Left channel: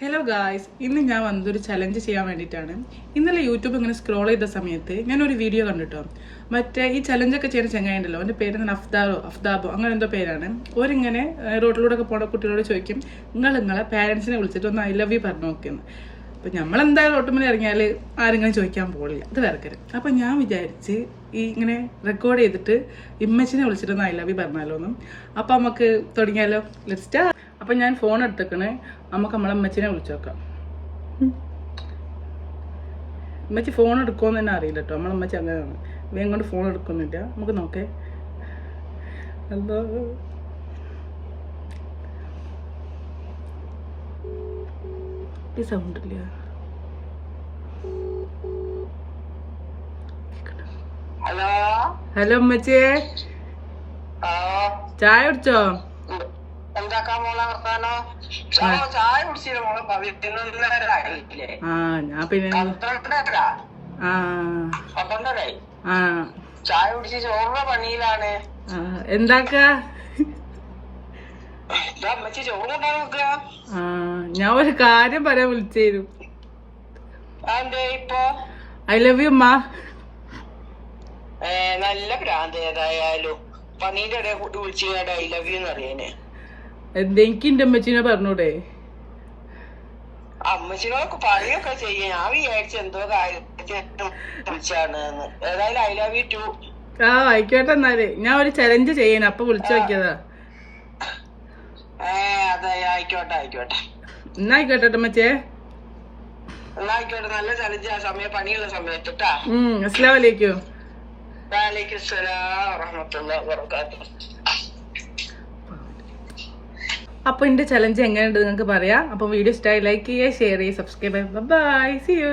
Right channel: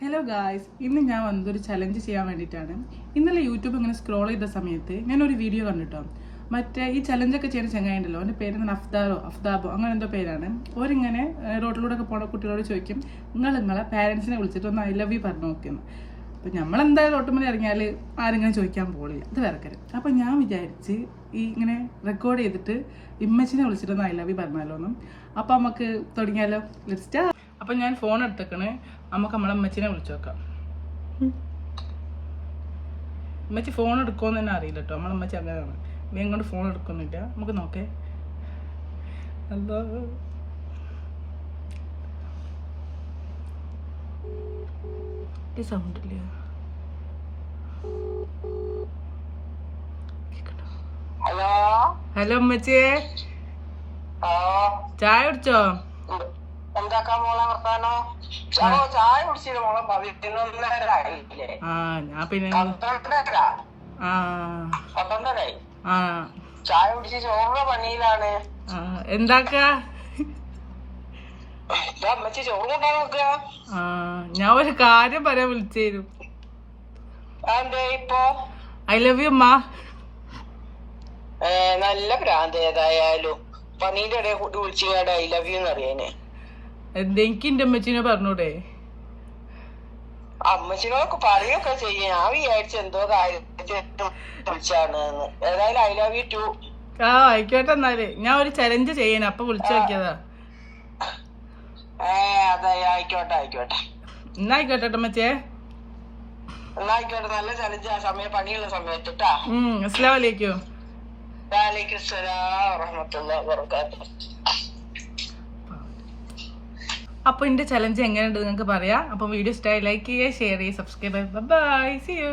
Hello guys, ഇന്ന് ഞാൻ വന്നൊരു ചലഞ്ച് ചെയ്യാൻ വേണ്ടിയിട്ടാണ്. ഇന്നലെ യൂട്യൂബ് ഇങ്ങനെ സ്ക്രോൾ ചെയ്ത സമയത്ത് ഞാനൊരു വീഡിയോ കണ്ടിട്ടോ. മറ്റേ ഈ ചലഞ്ചൊക്കെ ചെയ്യുന്ന ചങ്ങായിണ്ടല്ലോ, അവൻ്റെ പേര് അഫ്താബോ അങ്ങനെ എന്തോ പേരാണ്. ഓരിങ്ങനെ റോഡിലൂടെ ഒക്കെ പോണ കുട്ടികളോട് ചോദിക്കും, നിങ്ങളെ പാരൻസിനെ വിളിച്ചിട്ട് ഒന്ന് ഐ ലവ് യു പറഞ്ഞു നോക്കുന്നു. അപ്പം നമ്മളെന്തായാലും ഓട്ടോമിൽ ഇറങ്ങിയാൽ ആരെങ്കിലും ചോദിക്കാൻ പോകില്ല, അത് വേർക്കരും. അപ്പം ഞാൻ വിചാരിച്ച് ഈ ഇങ്ങനെ റെക്കോർഡ് ചെയ്തിട്ട് ഇമ്മച്ചിനെ വിളിച്ചിട്ടൊന്ന് ഐ ലവ് യു പറഞ്ഞാലോന്നും. അപ്പം നമുക്ക് തുടങ്ങിയാലോ, ലെറ്റ്സ് സ്റ്റാർട്ട്. അപ്പം ഞാൻ ഫോൺ എടുത്തേക്കണേ, നമുക്ക് നമ്മളെ അമ്മച്ചിനെ വിളിച്ചു നോക്കാം. അമ്മച്ചി ഫോൺ എടുക്കുമെന്ന് തന്നെ അറിയില്ല കേട്ടോ, നമ്മളമ്മച്ചി അങ്ങനെയാണ്, വേഗം കൊണ്ട് ഫോൺ എടുക്കുന്നില്ല. നമുക്ക് നോക്കേ. ഹലോ, ഈ സൗണ്ട് ഇല്ല. ഹലോ ഹലോ അമ്മച്ചിയെ, ചായ കുടിച്ചോ? എന്താക്കാൻ മോളെ വർത്താനോ? ചായ കുടിച്ചില്ല മോളെ, 11:30 ഞാൻ പിന്നെ 12:30 ചായ കുടിച്ച് ചോറിന്റെ പണിയിലാണ്. എന്താക്കാ? അമ്മച്ചി ചോറ് കൊണ്ടാ നോക്കുക. ഞാൻ ഒരു കാര്യം പറയാൻ വിളിച്ചേരും. അതെ, ഇപ്പൊ ഐ ലവ് യു അമ്മ. നല്ല ഭ്രാന്ത്. ഏതായാലും പണീന്റെ ഇടയിൽ കൂട്ടി വിളിച്ചു ഐ ലവ് യു എന്നറിയാന്. എനിക്ക് എന്റെ അമ്മച്ചിനെ പറഞ്ഞൂടെ? അമ്മച്ചിനോടൊക്കെ പറയുകയൊക്കെ ചെയ്യും. ഞാൻ വിചാരിച്ച എന്തോ കാര്യത്തിന് വിളിച്ചാണ്. ഏതായാലും ഐ ലവ് യു ടു. ആയിക്കോട്ടെ. എന്നാല് ഞാൻ ഒരു ചലഞ്ച് ചെയ്യാൻ അപ്പൊ വിളിച്ചു നോക്കിയതാ. അതെ, ആയിക്കോട്ടെ ആയിക്കോട്ടെ. എന്നാ ആയിക്കോട്ടെ അമ്മച്ചേ. എന്നാ ആയിക്കോട്ടെ, നല്ല ചലഞ്ച്. ആ സമയം പണിയുള്ള സമയത്ത് ട്ടാ. അസ്സലാമു അലൈക്കും. വഅലൈക്കും സലാം വറഹ്മത്തുള്ളാഹി വബറകാതുഹു. അപ്പൊ എന്റെ ചലഞ്ച് എങ്ങനെയുണ്ട് നിങ്ങൾക്ക് പറയാം. അപ്പൊ വീഡിയോ ഇഷ്ടമായി ലൈക്ക് ചെയ്യുക, ഷെയർ ചെയ്യുക, സബ്സ്ക്രൈബ് ചെയ്യുക. Bye, see U.